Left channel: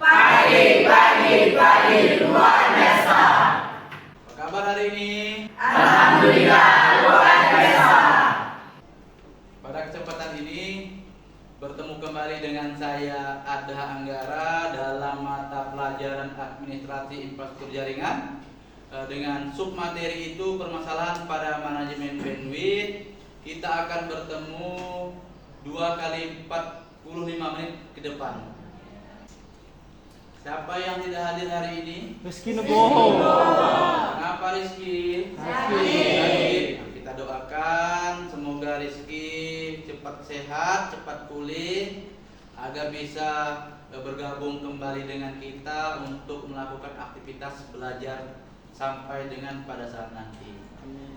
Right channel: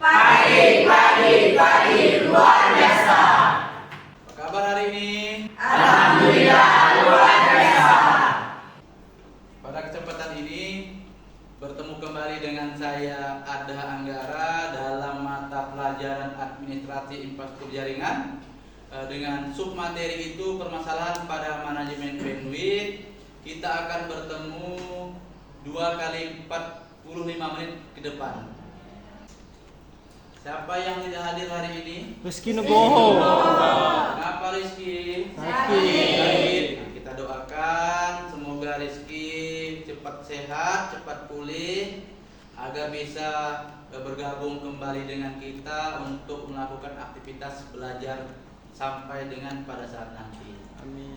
Pagi luar biasa. Apa kabar hari ini? Alhamdulillah luar biasa. Pada kesempatan ini bertemu kembali dengan saya Adha Anggara dalam mata pelajaran administrasi infrastruktur jaringan dengan submateri itu permasalahan pada manajemen bandwidth. Kita akan bertemu 2 kali 45 menit ke depan. Siapa yang tidak hadir hari ini? Rizky Nugroho. Kenapa Rizky? Sakit. Nah, kita doakan semoga Rizky cepat sehat, cepat pulih agar bisa bergabung kembali dengan kita untuk melakukan aktivitas belajar sampai dengan pada saat nanti.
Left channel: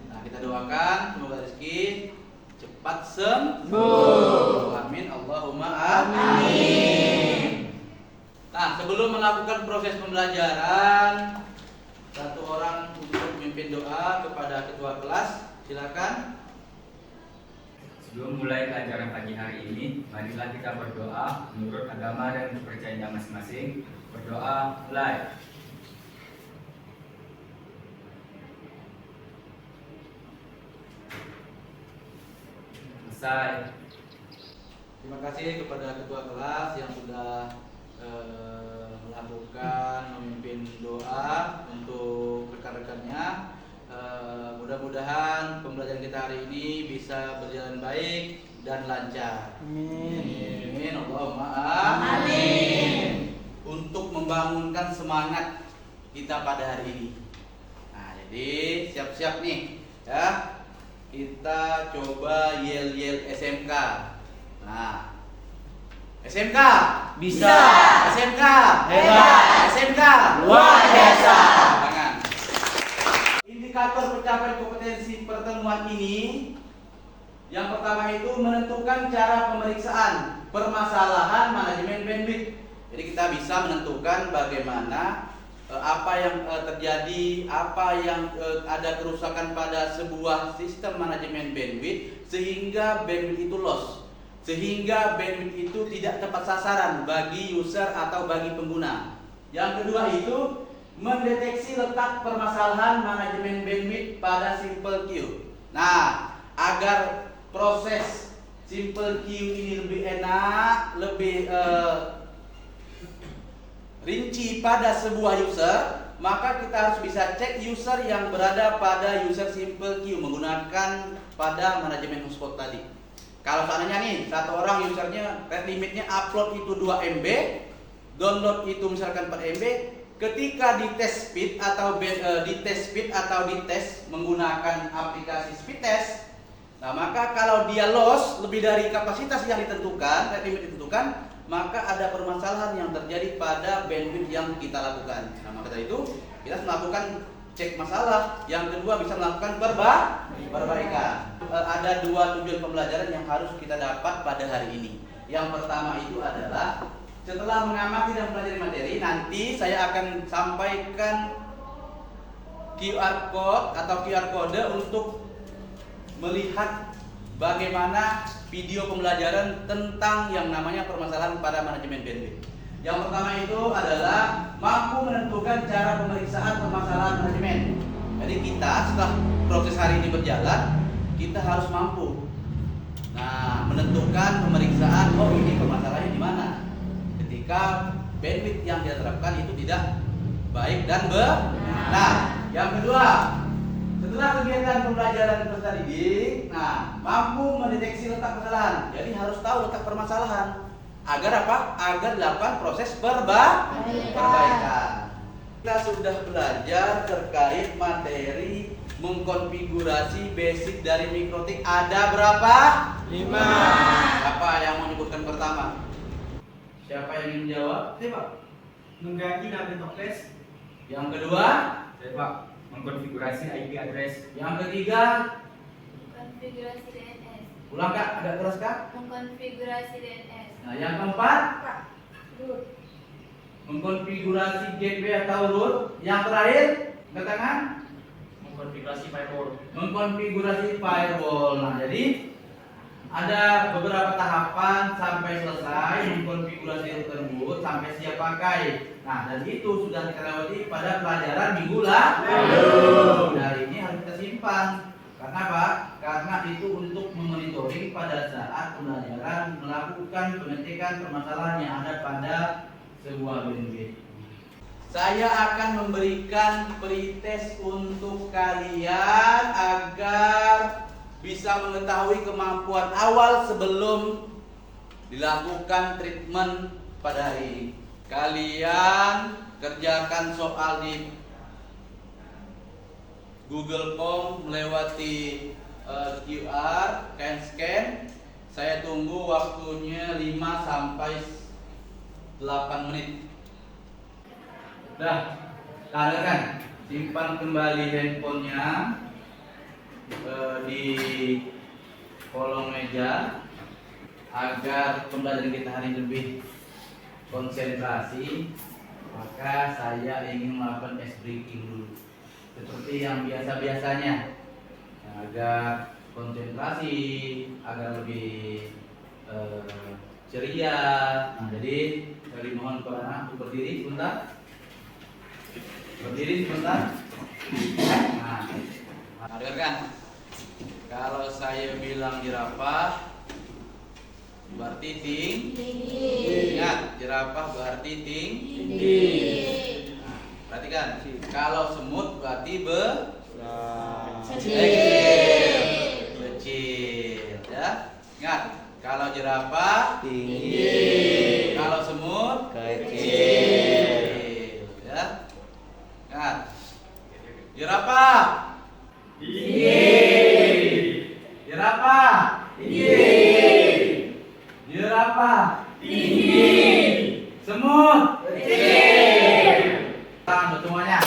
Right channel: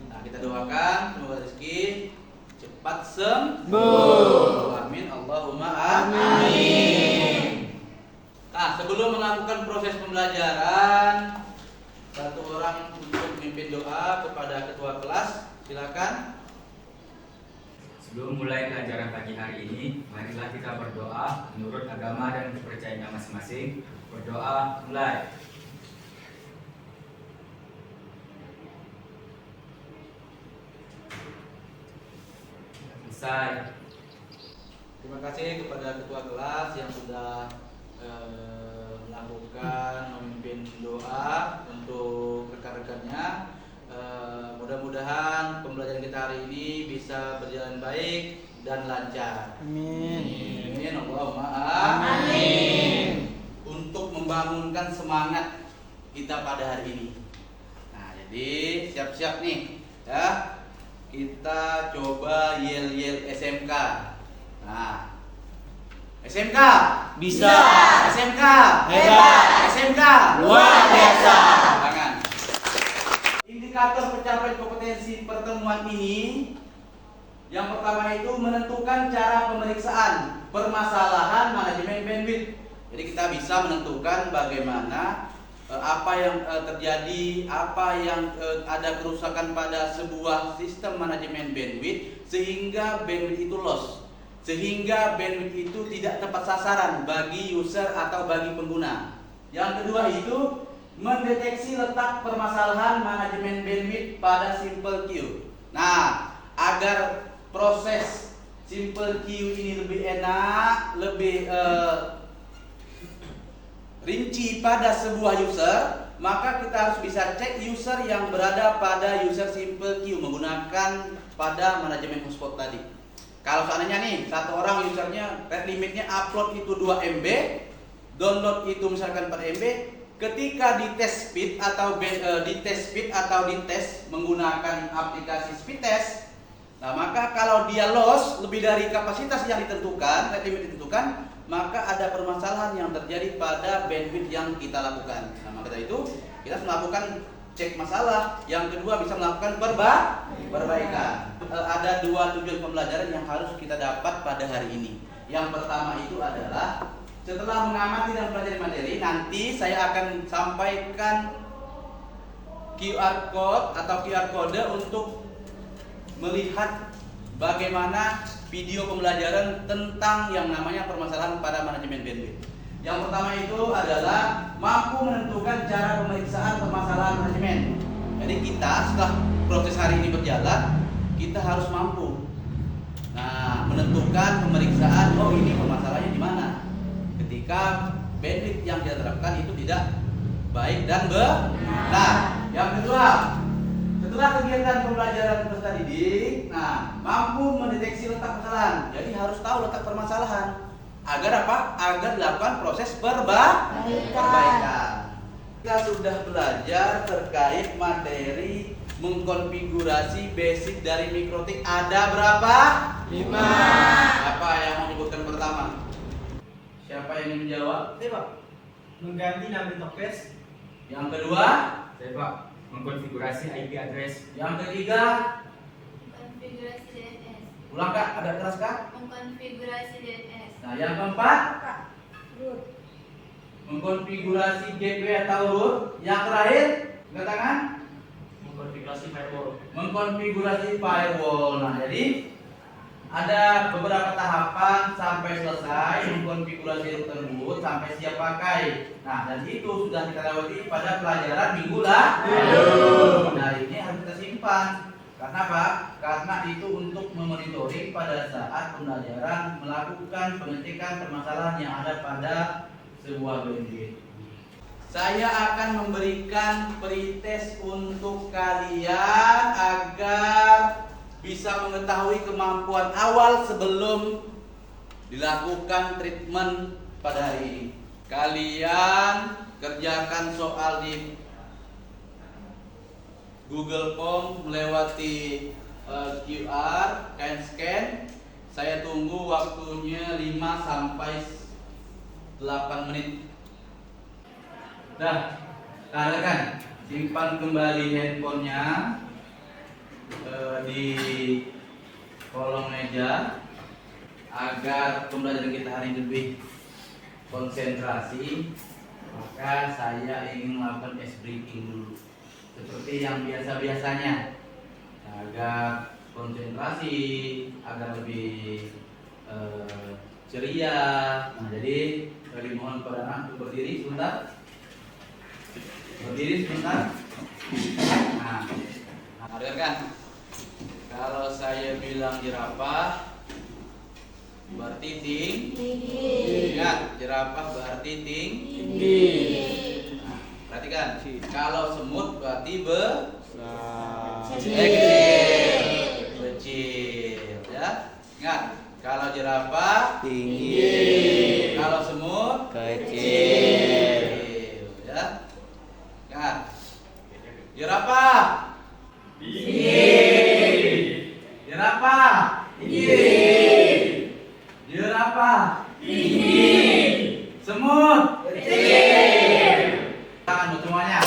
Nah, kita doakan semoga Rizky cepat sembuh. Amin. Allahumma amin. Nah, sebelum melakukan proses pembelajaran, satu orang untuk memimpin doa kepada ketua kelas. Silakan. Sebelum mulai pelajaran pagi hari ini, marilah kita berdoa menurut agama dan kepercayaan masing-masing. Berdoa mulai. Selesai. Terima kasih kepada ketua kelas yang sudah melakukan memimpin doa untuk rekan-rekannya. Mudah-mudahan pembelajaran kita hari ini bisa berjalan baik dan lancar. Amin. Amin. Allahumma Amin. Untuk membangunkan semangat kita pada hari ini. Nah, jadi siap-siap nih ya. Kita coba yel-yel SMK. Nah, SMK Bisa. SMK Hebat. SMK Luar biasa. Tangan. Indikator pencapaian kompetensi pertemuan ini yang pertama itu menentukan cara pemeriksaan permasalahan manajemen bandwidth. Jadi kita bisa menentukan bagaimana apa yang terjadi, apa yang ada kerusakan pada sebuah sistem manajemen bandwidth sehingga bandwidth itu loss, sehingga bandwidth itu tidak tepat sasaran bagi user atau bagi pengguna. Yang kedua itu mendeteksi letak permasalahan manajemen bandwidth pada simple queue. Nah, agar proses simple queue ini lebih enak, lebih rinci pada sebuah user, maka kita harus bisa cek user yang berada pada user simple queue menggunakan pada manajemen hotspot tadi. Kalau seandainya nih satu orang usernya rate limitnya upload itu 2 MB, download itu misalkan 4 MB, ketika di test speed atau di tes menggunakan aplikasi speed test, nah maka kalau dia loss lebih dari kapasitas yang ditentukan, rate limit ditentukan, maka ada permasalahan yang terjadi pada bandwidth yang kita lakukan. Nah, maka dari itu kita harus melakukan cek masalah. Yang kedua bisa melakukan perbaikan. Ada 2 tujuan pembelajaran yang harus kita dapat pada hari ini. Yang pertama itu adalah setelah mengamati dan mempelajari materi, nanti saya akan sampaikan QR code atau QR kode untuk melihat bagaimana video pembelajaran tentang yang namanya permasalahan pada manajemen bandwidth. Yang pertama itu adalah mampu menentukan cara pemeriksaan permasalahan manajemen. Jadi kita setelah proses hari ini berjalan, kita harus mampu menentukan pemeriksaan, oh ini permasalahannya di mana. Ketika bandwidth yang kita terapkan itu tidak baik dan benar. Yang kedua, setelah kegiatan pembelajaran peserta didik, mampu mendeteksi letak kesalahan. Jadi harus tahu letak permasalahan. Agar apa? Agar dilakukan proses perbaikan. Kita sudah belajar terkait materi mengkonfigurasi basic dari mikrotik. Ada berapa? 5. Apa yang mau menyebutkan pertama? Siapa yang ingin menjawab? Siapa? Mengganti nama toples. Yang kedua? Saya Pak, mengkonfigurasi IP address. Yang ketiga? Konfigurasi DNS. Ulang Kak, agak keras Kak? Mengkonfigurasi DNS. Nah, yang keempat? Mengkonfigurasi gateway atau root. Yang terakhir? Angkat tangan? Mengkonfigurasi firewall. Mengkonfigurasi firewall. Nah, jadi ada beberapa tahapan sampai selesai konfigurasi tersebut sampai siap pakai. Nah, dan itu sudah kita lewati pada pelajaran minggu lalu. Nah, ini harus kita simpan. Karena apa? Karena itu untuk memonitoring pada saat pembelajaran melakukan pengecekan permasalahan yang ada pada sebuah bandwidth. Saya akan memberikan pretest untuk kalian agar bisa mengetahui kemampuan awal sebelum dilakukan treatment pada hari ini. Kalian kerjakan soal di Google Form melewati QR, scan. Saya tunggu waktunya 5 sampai 8 menit. Dah, kalian kan simpan kembali handphonenya di kolong meja agar pembelajaran kita hari ini lebih konsentrasi. Maka saya ingin melakukan ice breaking dulu seperti yang biasa-biasanya agar konsentrasi, agar lebih ceria. Nah, jadi saya mohon kepada anak untuk berdiri sebentar. Berdiri sebentar. Nah, dengarkan. Kalau saya bilang jerapah berarti tinggi. Ingat, jerapah berarti tinggi. Nah, perhatikan. Kalau semut berarti kecil. Ya. Ingat, kalau jerapah Tinggi. kalau semut Kecil. Ya. Ingat. Jerapah jerapah jerapah semut tangan untuk semuanya.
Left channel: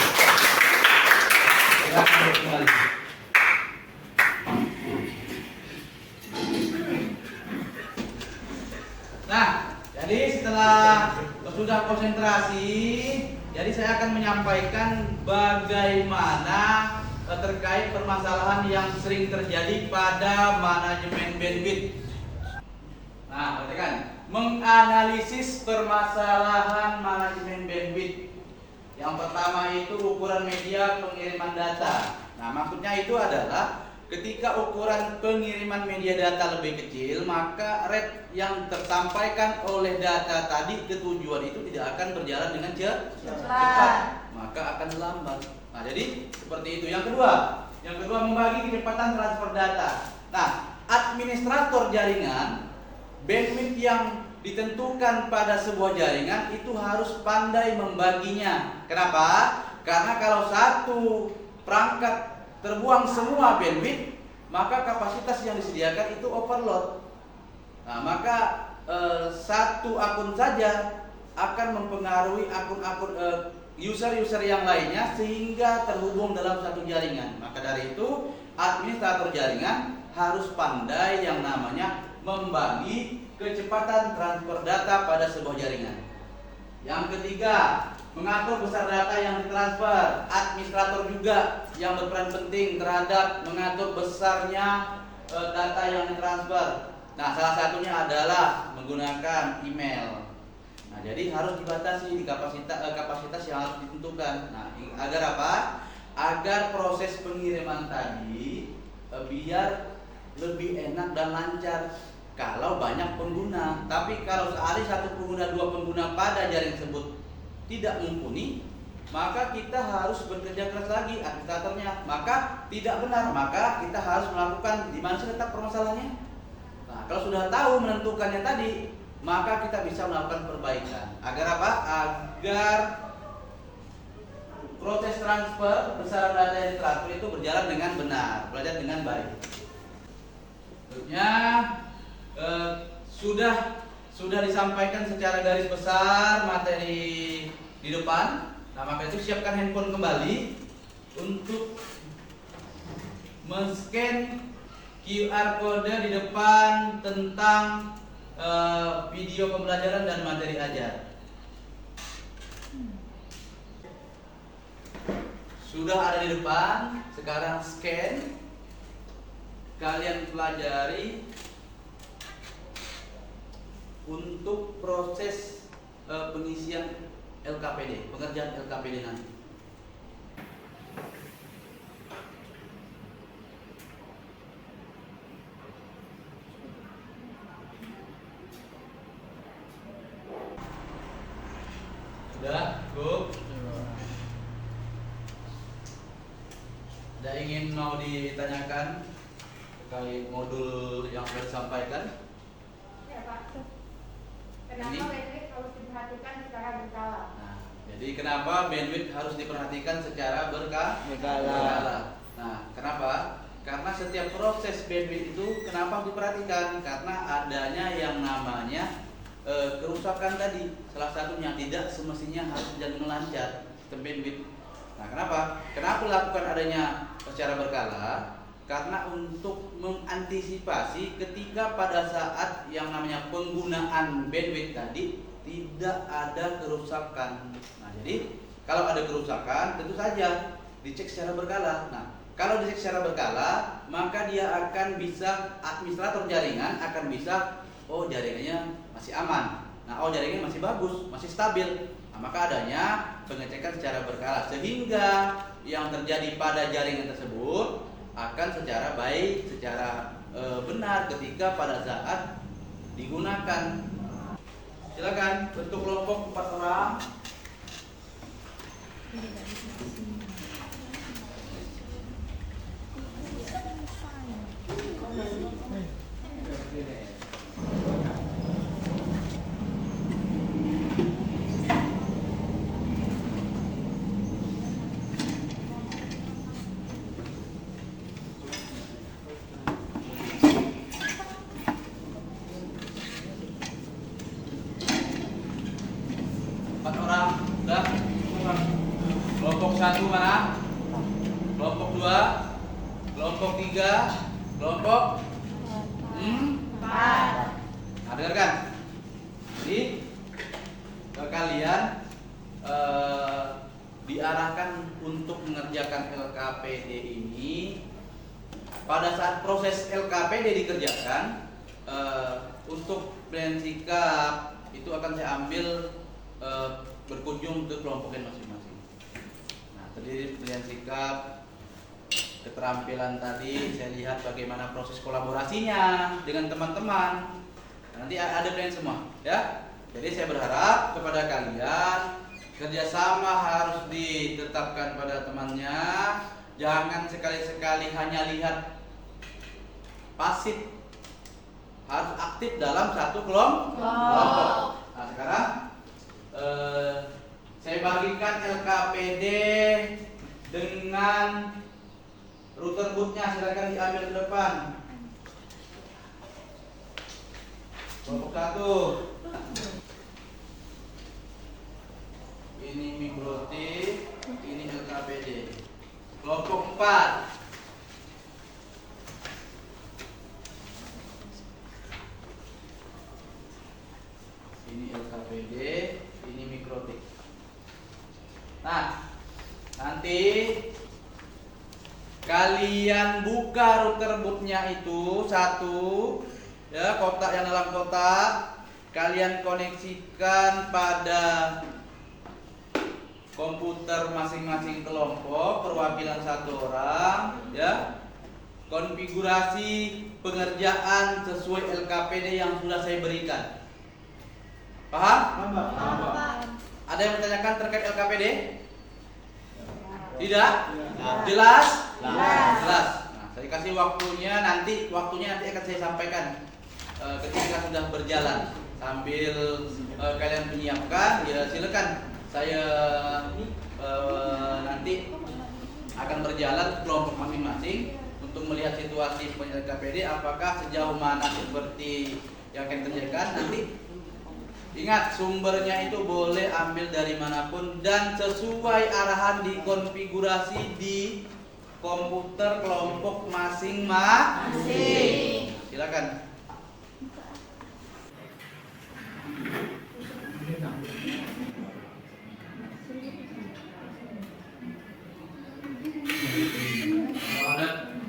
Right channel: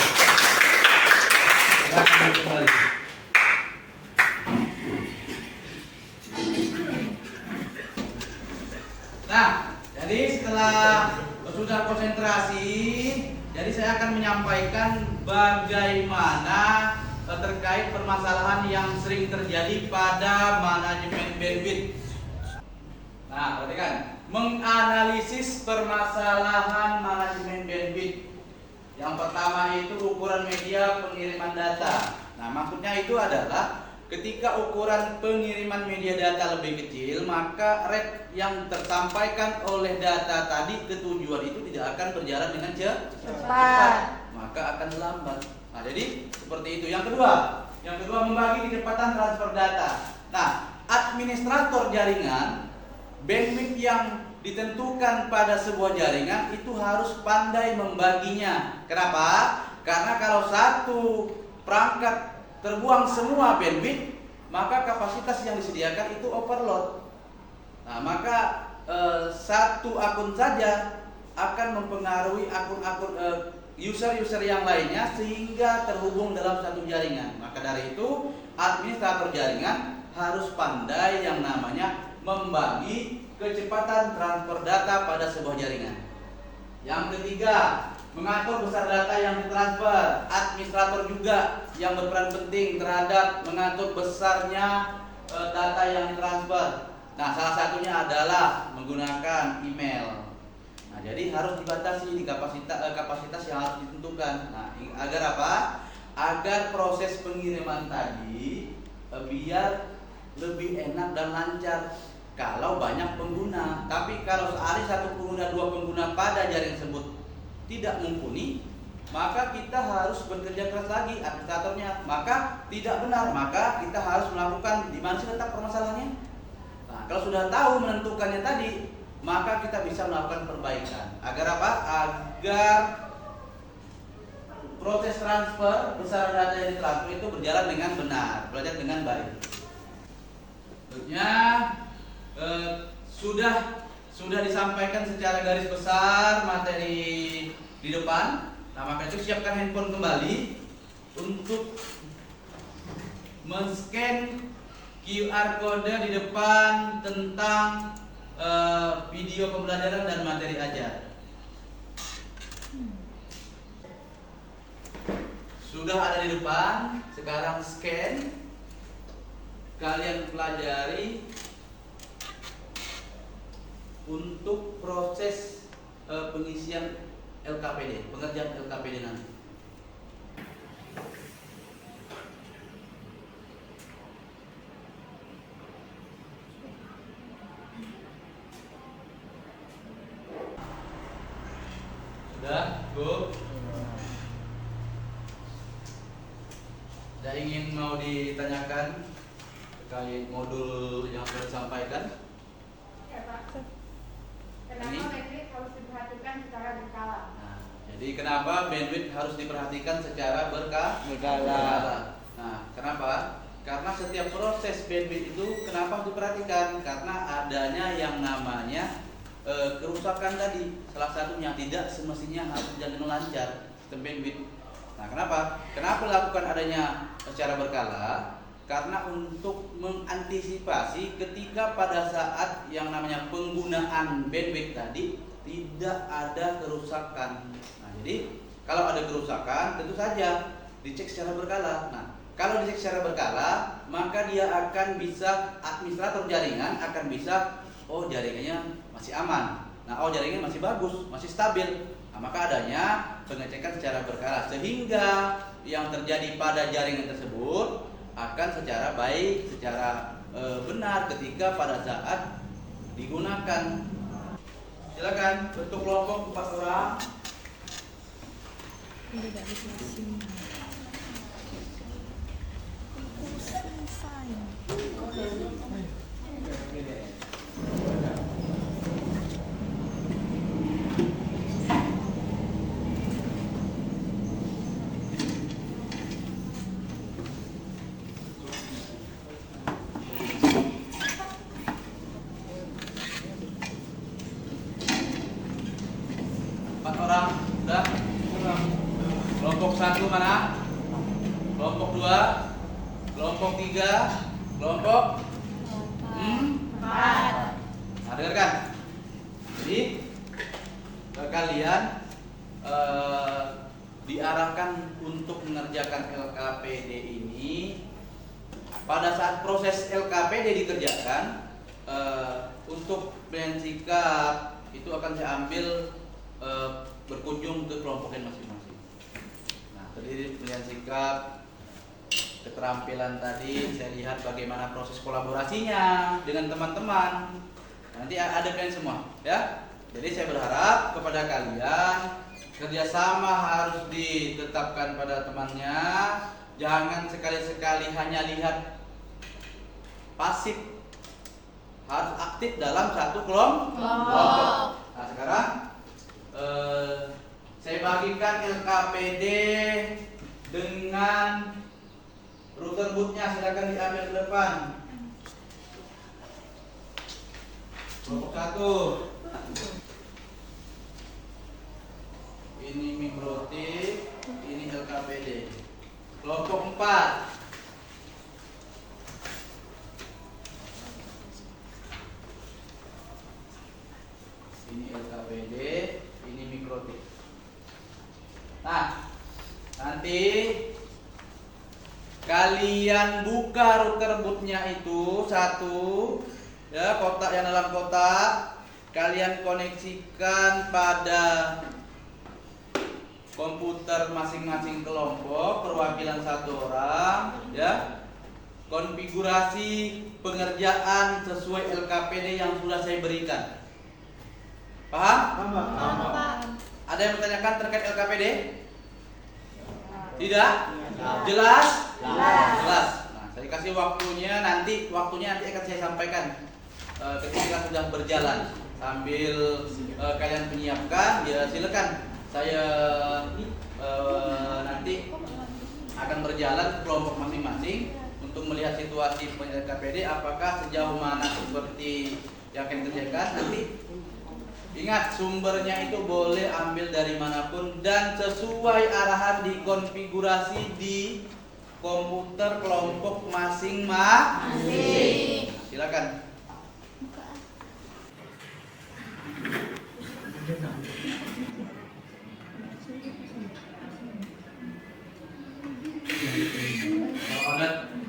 Silakan kembali. Nah, jadi setelah sudah konsentrasi, jadi saya akan menyampaikan bagaimana terkait permasalahan yang sering terjadi pada manajemen bandwidth. Nah, perhatikan, menganalisis permasalahan manajemen bandwidth. Yang pertama itu ukuran media pengiriman data. Nah, maksudnya itu adalah ketika ukuran pengiriman media data lebih kecil, maka rate yang tersampaikan oleh data tadi ke tujuan itu tidak akan berjalan dengan cepat, maka akan lambat. Nah, jadi seperti itu. Yang kedua membagi kecepatan transfer data. Nah, administrator jaringan bandwidth yang ditentukan pada sebuah jaringan itu harus pandai membaginya. Kenapa? Karena kalau satu perangkat terbuang semua bandwidth, maka kapasitas yang disediakan itu overload. Nah, maka satu akun saja akan mempengaruhi akun-akun user-user yang lainnya sehingga terhubung dalam satu jaringan. Maka dari itu administrator jaringan harus pandai yang namanya membagi kecepatan transfer data pada sebuah jaringan. Yang ketiga, mengatur besar data yang ditransfer. Administrator juga yang berperan penting terhadap mengatur besarnya data yang ditransfer. Nah, salah satunya adalah menggunakan email. Nah, jadi harus dibatasi di kapasitas yang harus ditentukan. Nah, agar apa? Agar proses pengiriman tadi biar lebih enak dan lancar kalau banyak pengguna. Tapi kalau sehari satu pengguna, dua pengguna pada jaring tersebut tidak mumpuni, maka kita harus bekerja keras lagi administratornya. Maka tidak benar, maka kita harus melakukan di mana sih letak permasalahannya. Nah, kalau sudah tahu menentukannya tadi, maka kita bisa melakukan perbaikan. Agar apa? Agar proses transfer besaran data yang ditransfer itu berjalan dengan benar, berjalan dengan baik. Tentunya sudah disampaikan secara garis besar materi di depan. Nah, maka itu siapkan handphone kembali untuk men-scan QR kode di depan tentang video pembelajaran dan materi ajar. Sudah ada di depan, sekarang scan. Kalian pelajari untuk proses pengisian LKPD, pengerjaan LKPD nanti. Sudah, cukup. Ada ingin mau ditanyakan terkait modul yang sudah disampaikan? Ya Pak. Ini? Kenapa bandwidth harus diperhatikan secara berkala? Nah, jadi kenapa bandwidth harus diperhatikan secara berkala? Nah, kenapa? Karena setiap proses bandwidth itu kenapa harus diperhatikan? Karena adanya yang namanya kerusakan tadi, salah satunya tidak semestinya harus berjalan lancar sistem bandwidth. Nah, kenapa? Kenapa lakukan adanya secara berkala? Karena untuk mengantisipasi ketika pada saat yang namanya penggunaan bandwidth tadi tidak ada kerusakan. Nah, jadi kalau ada kerusakan tentu saja dicek secara berkala. Nah, kalau dicek secara berkala, maka dia akan bisa, administrator jaringan akan bisa, oh jaringannya masih aman. Nah, oh jaringannya masih bagus, masih stabil. Nah, maka adanya pengecekan secara berkala sehingga yang terjadi pada jaringan tersebut akan secara baik, secara benar ketika pada saat digunakan. Silakan bentuk kelompok 4 orang. Sudah? Kelompok 1 mana? Kelompok 2, kelompok 3, kelompok 4. Nah, dengarkan. Jadi kalian diarahkan untuk mengerjakan LKPD ini. Pada saat proses LKPD dikerjakan, untuk plan sikap itu akan saya ambil berkunjung ke kelompok yang masing-masing. Nah, tadi pilihan sikap, keterampilan tadi saya lihat bagaimana proses kolaborasinya dengan teman-teman. Nanti ada plan semua, ya. Jadi saya berharap kepada kalian kerjasama harus ditetapkan pada temannya. Jangan sekali-sekali hanya lihat pasif, harus aktif dalam satu kelompok. Nah, sekarang saya bagikan LKPD dengan router bootnya, silakan diambil ke depan. Kelompok 1 ini mikrotip, ini LKPD. Kelompok 4 ini LKPD, ini mikrotip. Nah, nanti kalian buka router bootnya itu satu, ya, kotak yang dalam kotak, kalian koneksikan pada komputer masing-masing kelompok, perwakilan 1 orang, ya. Konfigurasi pengerjaan sesuai LKPD yang sudah saya berikan. Paham? Ada yang bertanyakan terkait LKPD? Tidak? Jelas? Jelas. Nah, saya kasih waktunya nanti akan saya sampaikan ketika sudah berjalan. Sambil kalian menyiapkan, ya silakan. Saya nanti akan berjalan ke kelompok masing-masing untuk melihat situasi LKPD apakah sejauh mana seperti yang akan kerjakan nanti. Ingat, sumbernya itu boleh ambil dari manapun dan sesuai arahan dikonfigurasi di komputer kelompok masing-masing. Silakan.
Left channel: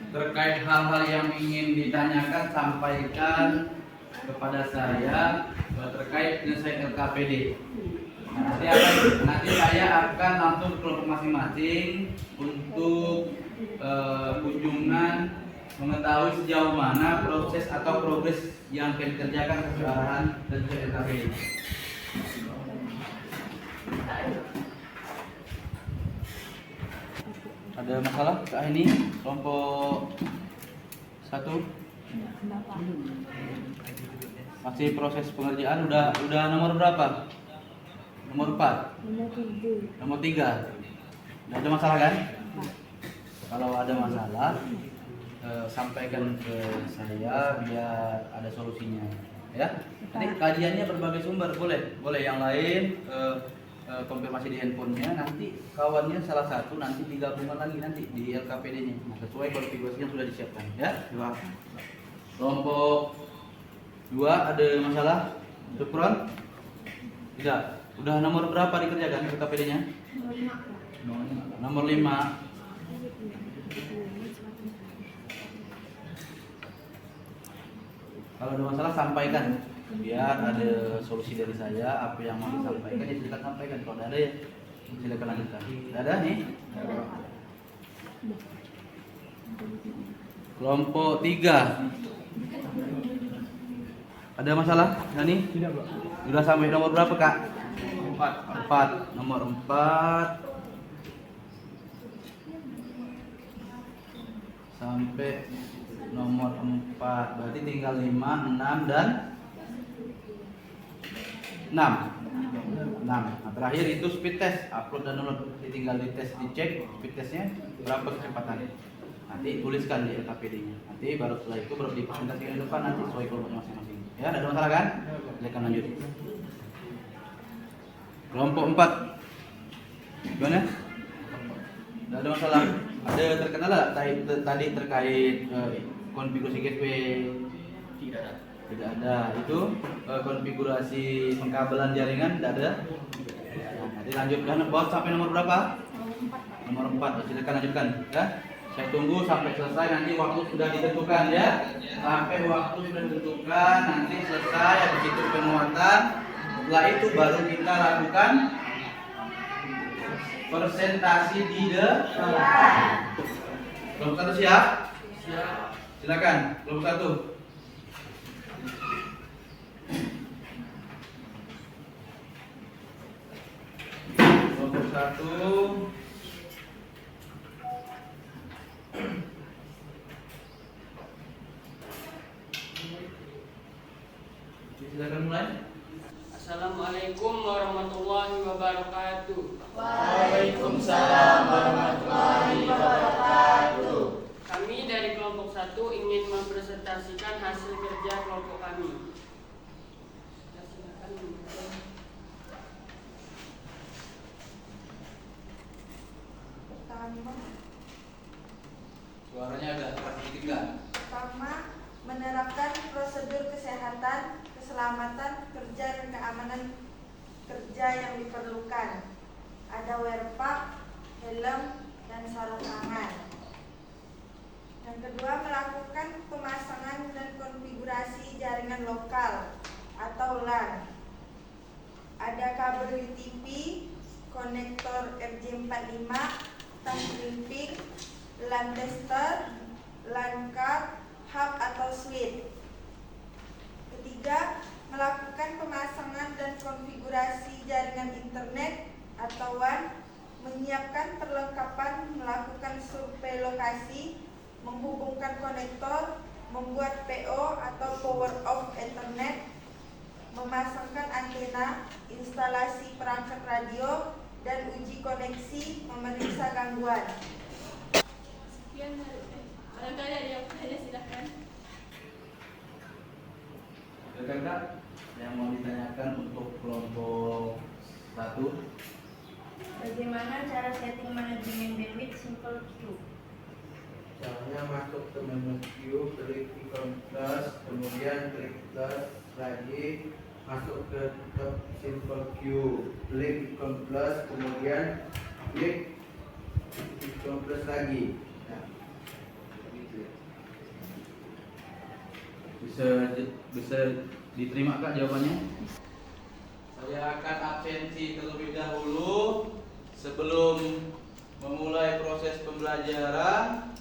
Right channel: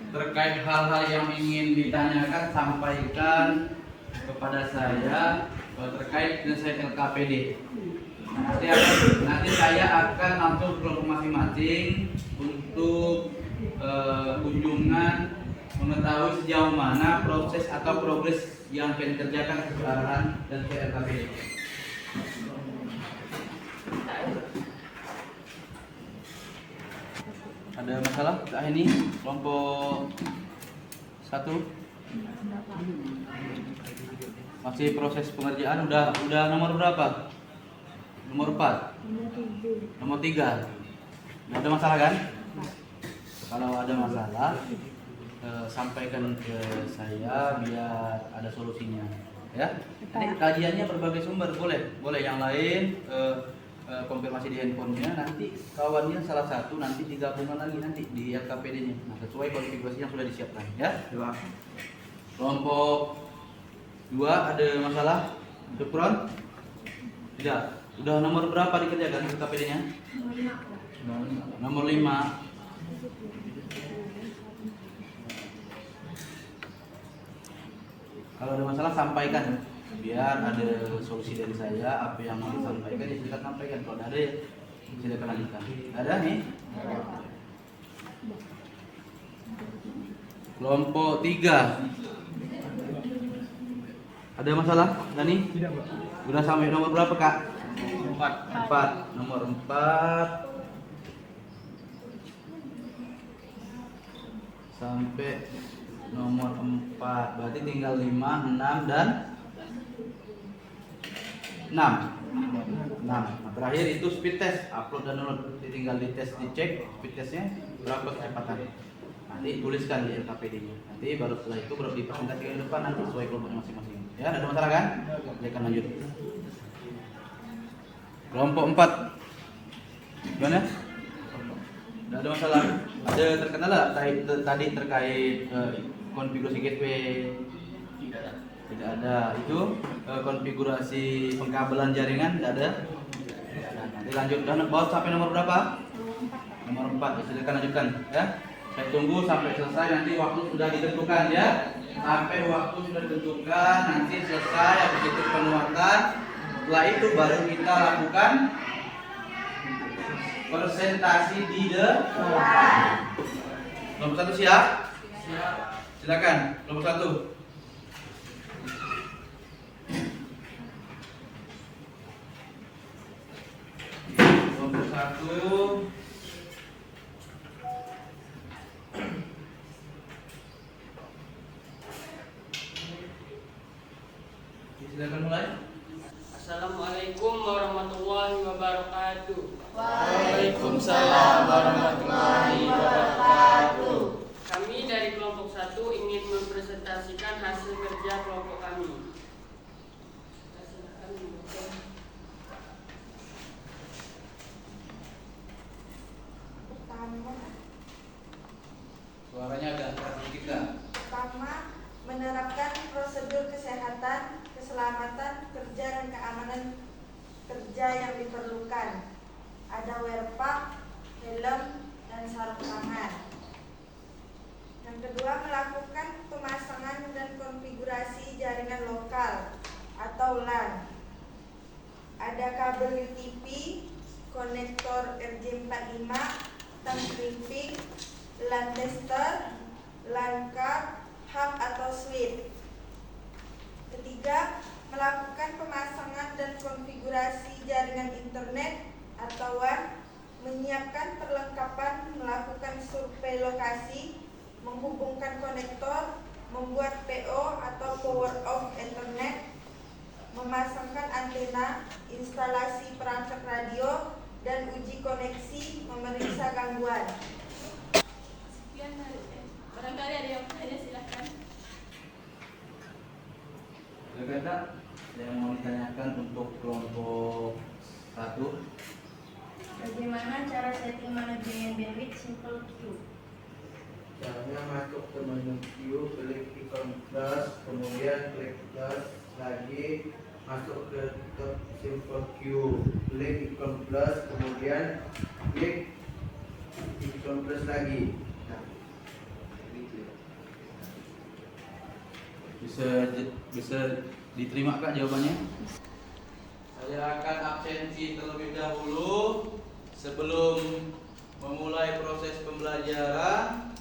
Terkait hal-hal yang ingin ditanyakan, sampaikan kepada saya terkait penyelesaian LKPD. Nanti saya akan langsung ke kelompok masing-masing untuk kunjungan mengetahui sejauh mana proses atau progres yang akan dikerjakan kesalahan dan LKPD. Ada masalah kah ini kelompok 1? Masih proses pengerjaan. Udah nomor berapa? Nomor 4. Nomor 3. Nggak ada masalah kan? Kalau ada masalah sampaikan ke saya biar ada solusinya, ya. Ini kajiannya berbagai sumber, boleh yang lain konfirmasi di handphonenya, nanti kawannya salah satu nanti digabungkan lagi nanti di LKPD-nya. Nah, sesuai konfigurasi yang sudah disiapkan, ya. Kelompok 2 ada masalah? Background? Tidak. Udah nomor berapa dikerjakan LKPD-nya? Nomor 5. Kalau ada masalah sampaikan, biar ada solusi dari saya. Apa yang mau disampaikan ya silakan sampaikan. Kalau ada ya silakan lanjutkan. Ada nih? Kelompok 3. Ada masalah? Nani? Tidak, Pak. Sudah sampai nomor berapa, Kak? 4. Nomor 4 sampai nomor 4. Berarti tinggal 5, 6 dan 6. Nah, terakhir itu speed test, upload dan download. Tinggal dites, dicek speed testnya berapa kecepatan. Nanti tuliskan di LKPD-nya. Nanti baru setelah itu baru dipresentasikan ke depan nanti sesuai kelompok masing-masing. Ya, ada masalah kan? Silakan lanjut. Kelompok 4. Gimana? Tidak ada masalah. Ada terkenal tadi terkait konfigurasi gateway? Tidak ada. Tidak ada. Itu konfigurasi pengkabelan jaringan tidak ada. Nah, nanti lanjutkan baut sampai nomor berapa? Nomor 4. Ya, silakan lanjutkan ya. Saya tunggu sampai selesai, nanti waktu sudah ditentukan ya. Sampai waktu sudah ditentukan, nanti selesai habis itu penguatan. Setelah itu baru kita lakukan presentasi di depan. Kelompok 1 siap? Siap. Silakan, kelompok 1. Kelompok 1. Silakan mulai. Assalamualaikum warahmatullahi wabarakatuh. Waalaikumsalam warahmatullahi wabarakatuh. Kami dari kelompok 1 ingin mempresentasikan hasil kerja kelompok kami. Silakan dibuka. Suaranya agak sedikit. Pertama, menerapkan prosedur kesehatan, keselamatan kerja dan keamanan kerja yang diperlukan. Ada wear pack, helm, dan sarung tangan. Yang kedua, melakukan pemasangan dan konfigurasi jaringan lokal atau LAN. Ada kabel UTP, konektor RJ45, tang crimping, LAN tester, LAN card, hub atau switch. Ketiga, melakukan pemasangan dan konfigurasi jaringan internet atau WAN, menyiapkan perlengkapan, melakukan survei lokasi, menghubungkan konektor, membuat PO atau power off internet, memasangkan antena, instalasi perangkat radio, dan uji koneksi, memeriksa gangguan. Sekian dari barangkali ada yang bertanya silahkan. Silakan Kak, yang mau ditanyakan untuk kelompok 1. Bagaimana cara setting manajemen bandwidth simple queue? Caranya masuk ke menu queue, klik ikon plus, kemudian klik plus lagi, masuk ke top simple queue, klik ikon plus, kemudian klik ikon plus lagi. Nah, gitu ya. Bisa Diterima Kak jawabannya? Saya akan absensi terlebih dahulu sebelum memulai proses pembelajaran.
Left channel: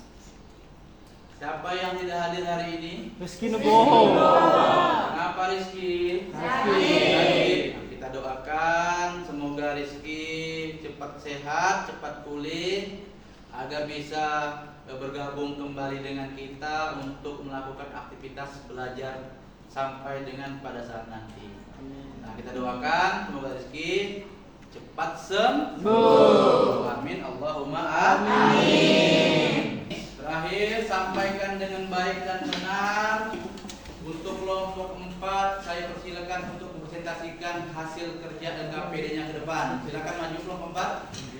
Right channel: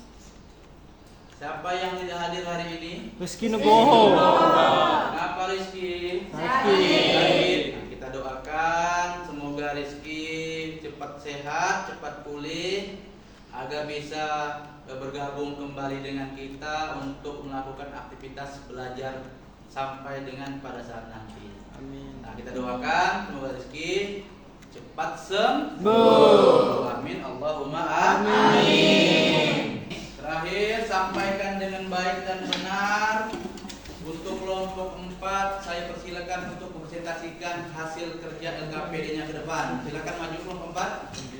Siapa yang tidak hadir hari ini? Rizky Nugroho. Kenapa Rizky? Sakit. Nah, kita doakan semoga Rizky cepat sehat, cepat pulih agar bisa bergabung kembali dengan kita untuk melakukan aktivitas belajar sampai dengan pada saat nanti. Nah, kita doakan semoga Rizky cepat sembuh. Amin. Allahumma amin. Terakhir, sampaikan dengan baik dan benar. Untuk kelompok 4, saya persilakan untuk mempresentasikan hasil kerja LKPD-nya ke depan. Silakan maju kelompok 4.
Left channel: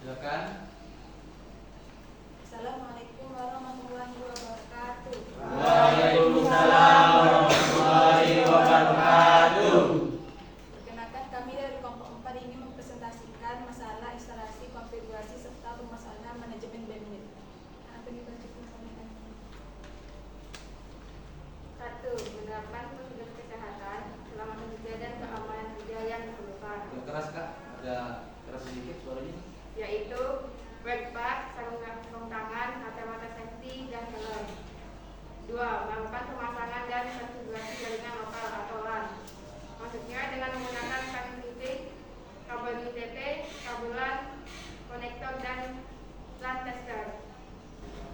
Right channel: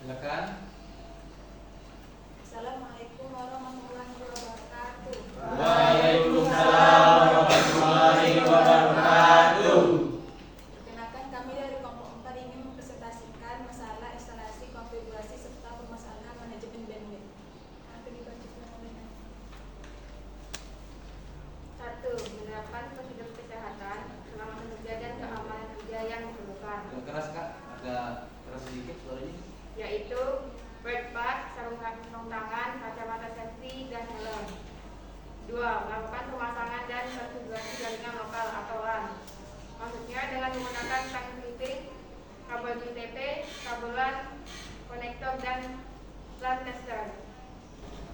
Silakan. Assalamualaikum warahmatullahi wabarakatuh. Waalaikumsalam warahmatullahi wabarakatuh. Perkenalkan, kami dari kelompok 4 ini mempresentasikan masalah instalasi, konfigurasi, serta permasalahan manajemen bandwidth. Akan dibacakan oleh Anda. 1. Menerapkan prosedur kesehatan, keselamatan kerja dan keamanan kerja yang diperlukan, Agak keras Kak, agak keras sedikit suaranya. yaitu wet pads, sarung tangan, kacamata safety, dan helm. 2. Melakukan pemasangan dan konfigurasi jaringan lokal atau LAN. Maksudnya dengan menggunakan tag routing, kabel JTT, kabel LAN, konektor, dan LAN tester.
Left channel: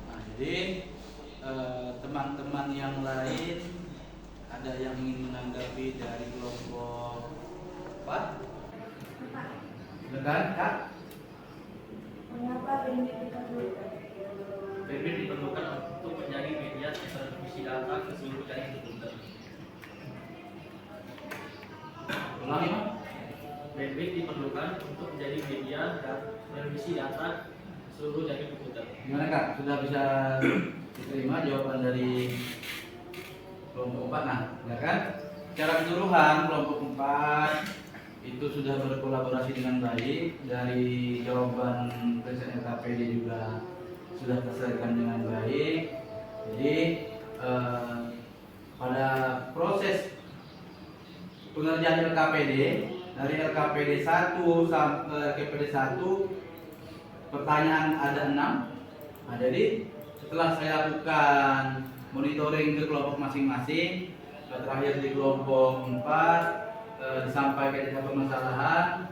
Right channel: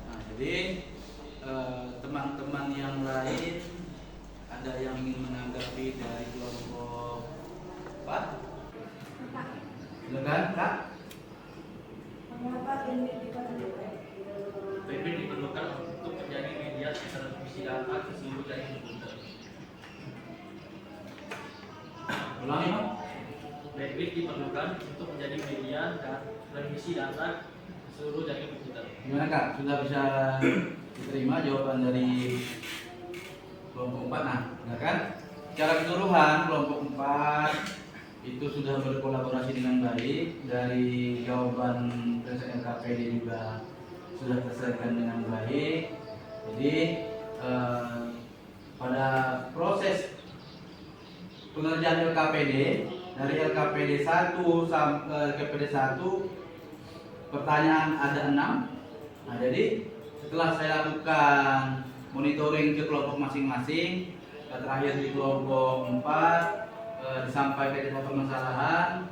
Nah, jadi teman-teman yang lain ada yang ingin menanggapi dari kelompok 4? Silakan Kak. Mengapa bandwidth diperlukan? Bandwidth diperlukan untuk menjadi media transmisi data ke seluruh jaringan komputer. Ulangi Pak. Bandwidth diperlukan untuk menjadi media transmisi data ke seluruh jaringan komputer. Gimana Kak? Sudah bisa diterima jawaban dari kelompok 4? Nah, silakan. Secara keseluruhan kelompok 4 itu sudah berkolaborasi dengan baik. Dari jawaban presiden LKPD juga sudah terselesaikan dengan baik. Jadi pada proses pengerjaan LKPD dari LKPD 1 sampai LKPD 1 pertanyaan ada 6. Nah, jadi setelah saya lakukan monitoring ke kelompok masing-masing, terakhir di kelompok 4 disampaikan permasalahan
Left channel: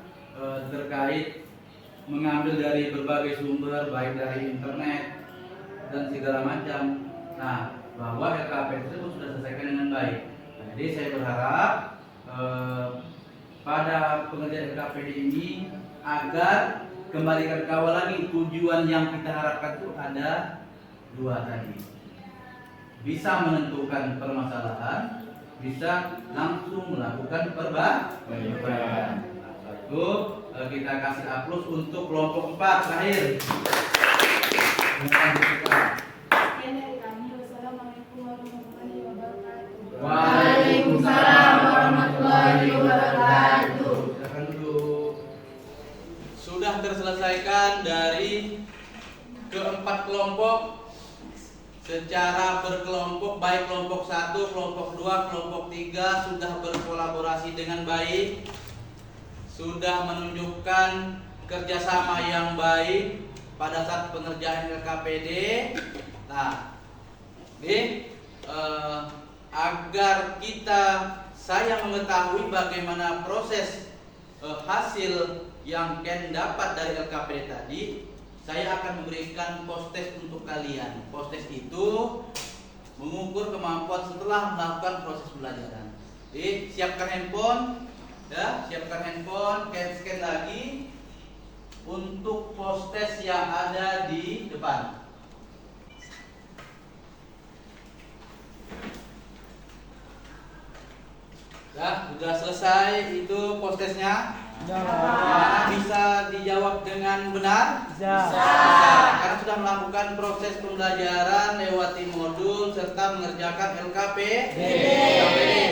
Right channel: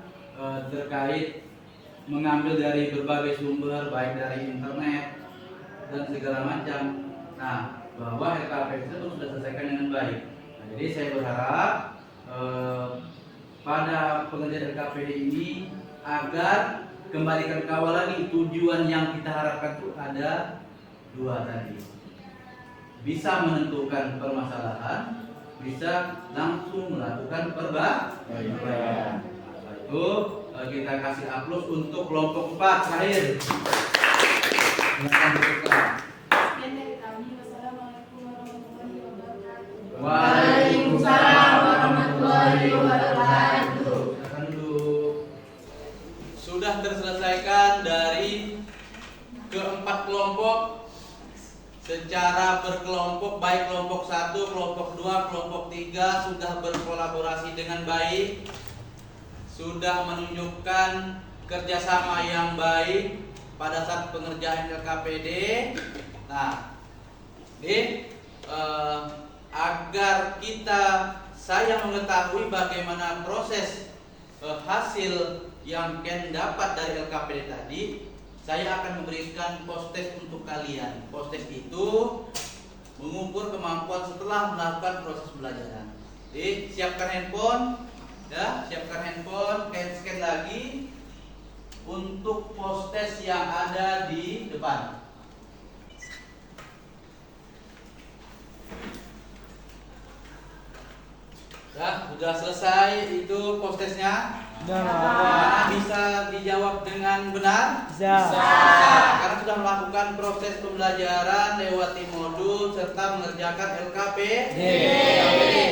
terkait mengambil dari berbagai sumber, baik dari internet dan segala macam. Nah, bahwa LKPD itu sudah selesaikan dengan baik. Nah, jadi saya berharap pada pengerjaan LKPD ini agar kembalikan kawal lagi, tujuan yang kita harapkan itu ada 2 tadi. Bisa menentukan permasalahan, bisa langsung melakukan perbaikan. Nah, setelah itu kita kasih aplaus untuk kelompok 4 terakhir. Sekian dari kami. Wassalamualaikum warahmatullahi wabarakatuh. Waalaikumsalam warahmatullahi wabarakatuh. Silakan duduk. Sudah terselesaikan dari keempat kelompok secara berkelompok, baik kelompok 1, kelompok 2, kelompok 3 sudah berkolaborasi dengan baik, sudah menunjukkan kerjasama yang baik pada saat pengerjaan LKPD. Nah, agar saya mengetahui bagaimana proses hasil yang Ken dapat dari LKPD tadi, saya akan memberikan post-test untuk kalian. Post-test itu mengukur kemampuan setelah melakukan proses pembelajaran. Jadi siapkan handphone, ya, siapkan handphone, scan lagi untuk post-test yang ada di depan. Ya, sudah selesai itu postesnya. Nah, bisa dijawab dengan benar? Bisa. Karena sudah melakukan proses pembelajaran lewati modul serta mengerjakan LKPD.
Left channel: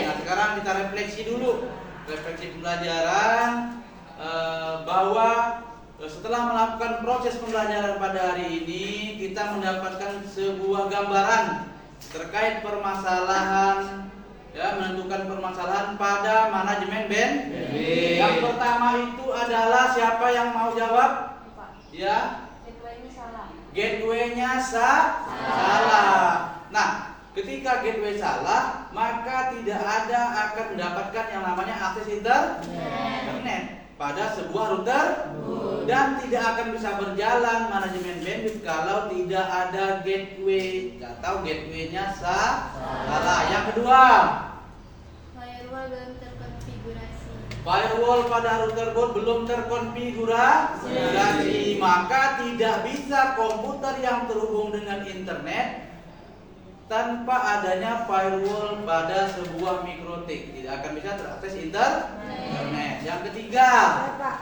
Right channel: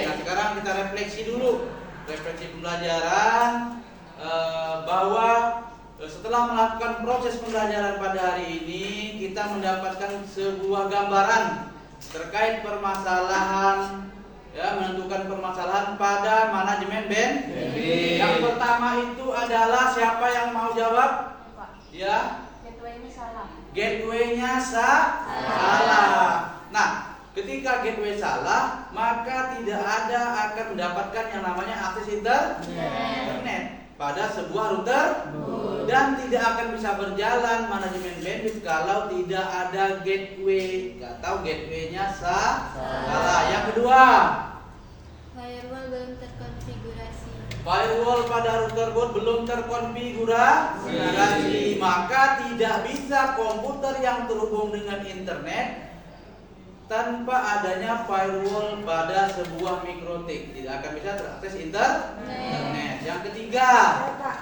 Nah, sekarang kita refleksi dulu. Refleksi pembelajaran bahwa setelah melakukan proses pembelajaran pada hari ini, kita mendapatkan sebuah gambaran terkait permasalahan, ya, menentukan permasalahan pada manajemen bandwidth. Yang pertama itu adalah siapa yang mau jawab? Ya. Gateway-nya salah. Gateway-nya salah. Nah, ketika gateway salah, maka tidak ada akan mendapatkan yang namanya akses internet pada sebuah router dan tidak akan bisa berjalan manajemen bandwidth kalau tidak ada gateway atau gateway-nya salah. Yang kedua, Firewall belum terkonfigurasi. firewall pada router board belum terkonfigurasi, maka tidak bisa komputer yang terhubung dengan internet tanpa adanya firewall pada sebuah mikrotik, tidak akan bisa terakses internet. Yang ketiga, Pak,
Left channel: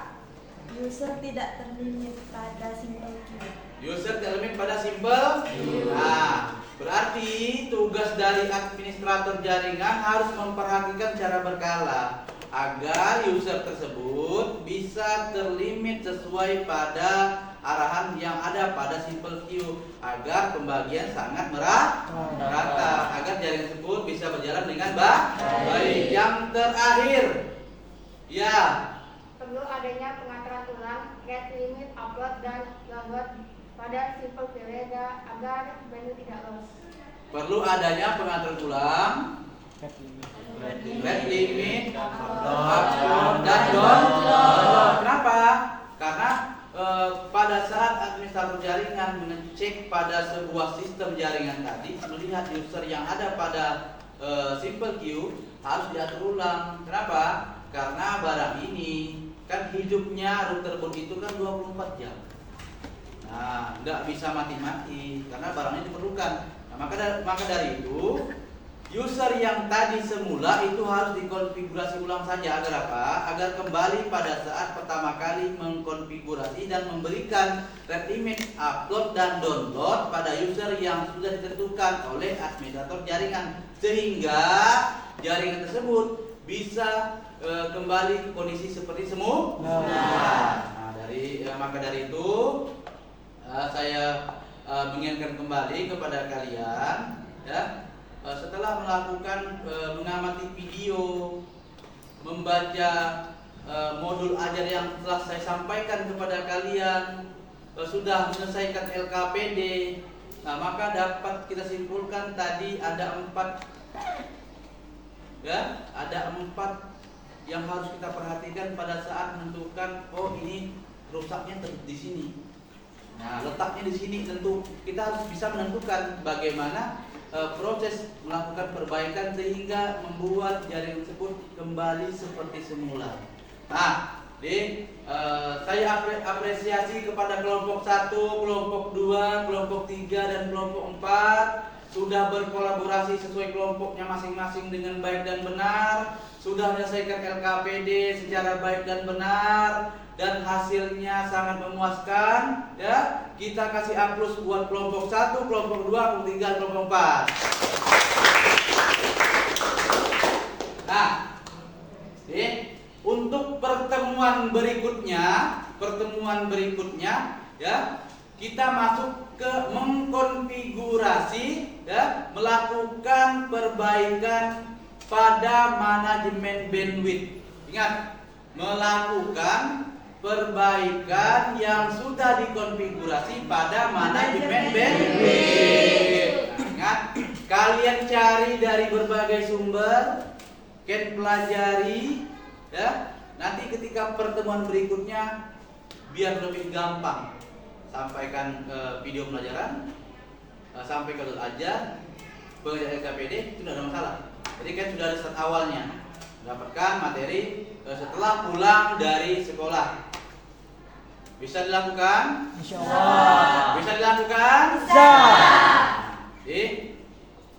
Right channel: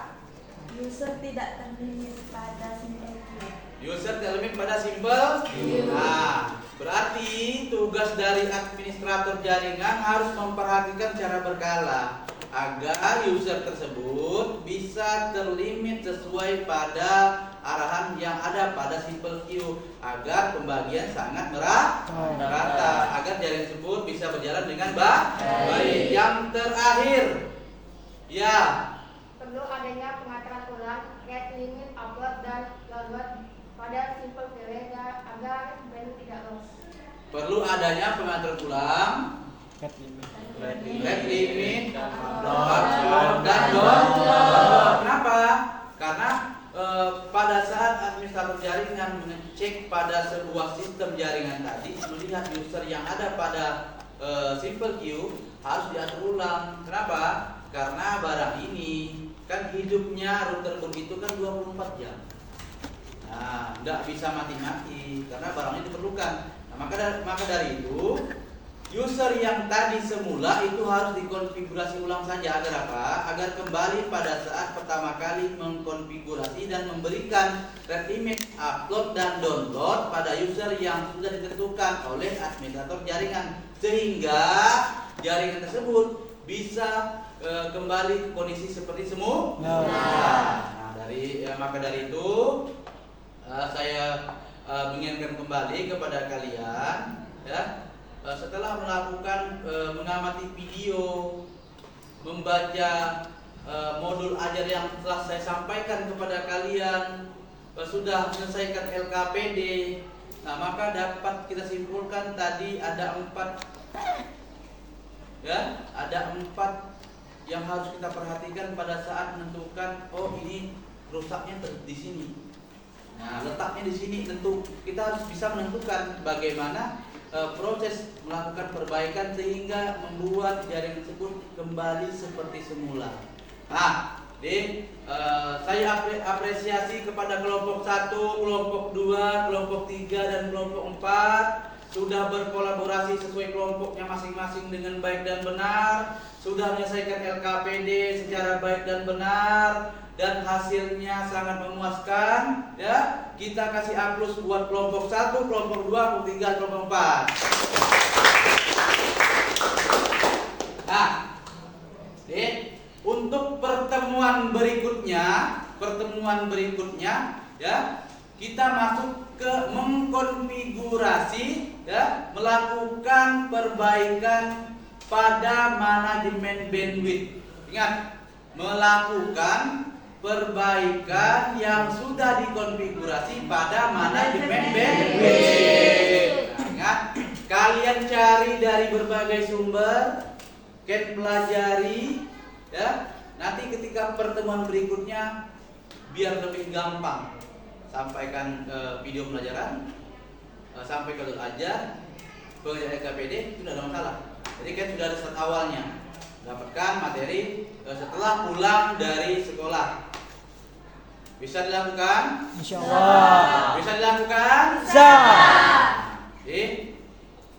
user tidak terlimit pada simple queue. user terlimit pada simple. Nah, berarti tugas dari administrator jaringan harus memperhatikan secara berkala agar user tersebut bisa terlimit sesuai pada arahan yang ada pada simple queue agar pembagian sangat merata, agar jaringan tersebut bisa berjalan dengan baik. Yang terakhir, ya, Perlu adanya pengaturan ulang, get limit, upload, dan download pada simple queue agar bandwidth tidak loss. perlu adanya pengaturan ulang, red limit, upload, dan download. Kenapa? Karena pada saat administrator jaringan mengecek pada sebuah sistem jaringan tadi, melihat user yang ada pada simple queue harus diatur ulang. Kenapa? Karena barang ini kan hidupnya router board itu kan 24 jam. Nah, nggak bisa mati-mati karena barang ini diperlukan. Nah, maka dari itu user yang tadi semula itu harus dikonfigurasi ulang saja agar apa? Agar kembali pada saat pertama kali mengkonfigurasi dan memberikan red limit, upload dan download pada user yang sudah ditentukan oleh administrator jaringan sehingga jaringan tersebut bisa kembali ke kondisi seperti semula. Nah, maka dari itu saya mengingatkan kembali kepada kalian, ya. Setelah melakukan mengamati video, membaca modul ajar yang telah saya sampaikan kepada kalian, sudah menyelesaikan LKPD, nah maka dapat kita simpulkan tadi ada 4, ya, ada 4 yang harus kita perhatikan pada saat menentukan, oh ini rusaknya di sini. Nah, letaknya di sini, tentu kita harus bisa menentukan bagaimana proses melakukan perbaikan sehingga membuat jaringan tersebut kembali seperti semula. Nah, saya apresiasi kepada kelompok 1, kelompok 2, kelompok 3 dan kelompok 4 sudah berkolaborasi sesuai kelompoknya masing-masing dengan baik dan benar, sudah menyelesaikan LKPD secara baik dan benar, dan hasilnya sangat memuaskan, ya. Kita kasih A+ buat kelompok 1, kelompok 2, kelompok 3, kelompok 4. Nah, untuk pertemuan berikutnya, ya, kita masuk ke mengkonfigurasi, ya, melakukan perbaikan pada manajemen bandwidth. Ingat, melakukan perbaikan yang sudah dikonfigurasi pada manajemen bandwidth. Nah, ingat, kalian cari dari berbagai sumber, kalian pelajari, ya. Nanti ketika pertemuan berikutnya biar lebih gampang, sampaikan video pelajaran, sampai ke ajar, pengajaran LKPD itu tidak ada masalah. Jadi kan sudah ada start awalnya, dapatkan materi setelah pulang dari sekolah. Bisa dilakukan? Insyaallah. Bisa dilakukan? Bisa. Jadi,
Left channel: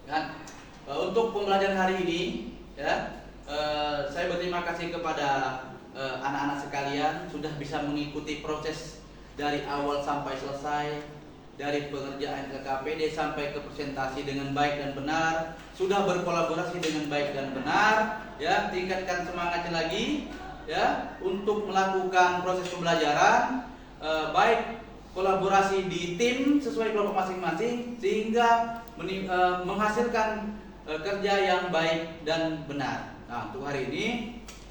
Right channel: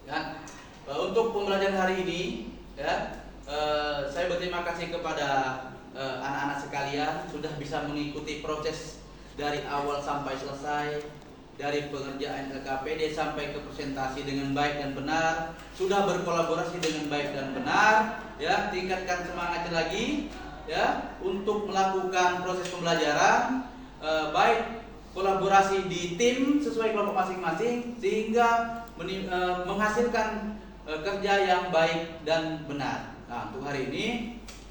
kan, untuk pembelajaran hari ini, ya, saya berterima kasih kepada anak-anak sekalian sudah bisa mengikuti proses dari awal sampai selesai, dari pengerjaan KKPD sampai ke presentasi dengan baik dan benar, sudah berkolaborasi dengan baik dan benar, ya, tingkatkan semangatnya lagi, ya, untuk melakukan proses pembelajaran, baik kolaborasi di tim sesuai kelompok masing-masing sehingga menghasilkan kerja yang baik dan benar. Nah, untuk hari ini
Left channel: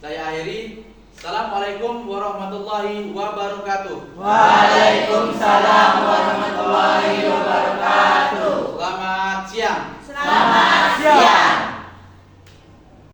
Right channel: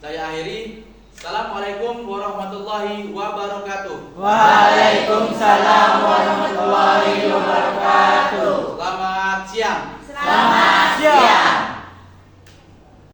saya akhiri. Assalamualaikum warahmatullahi wabarakatuh. Waalaikumsalam warahmatullahi wabarakatuh. Selamat siang. Selamat siang.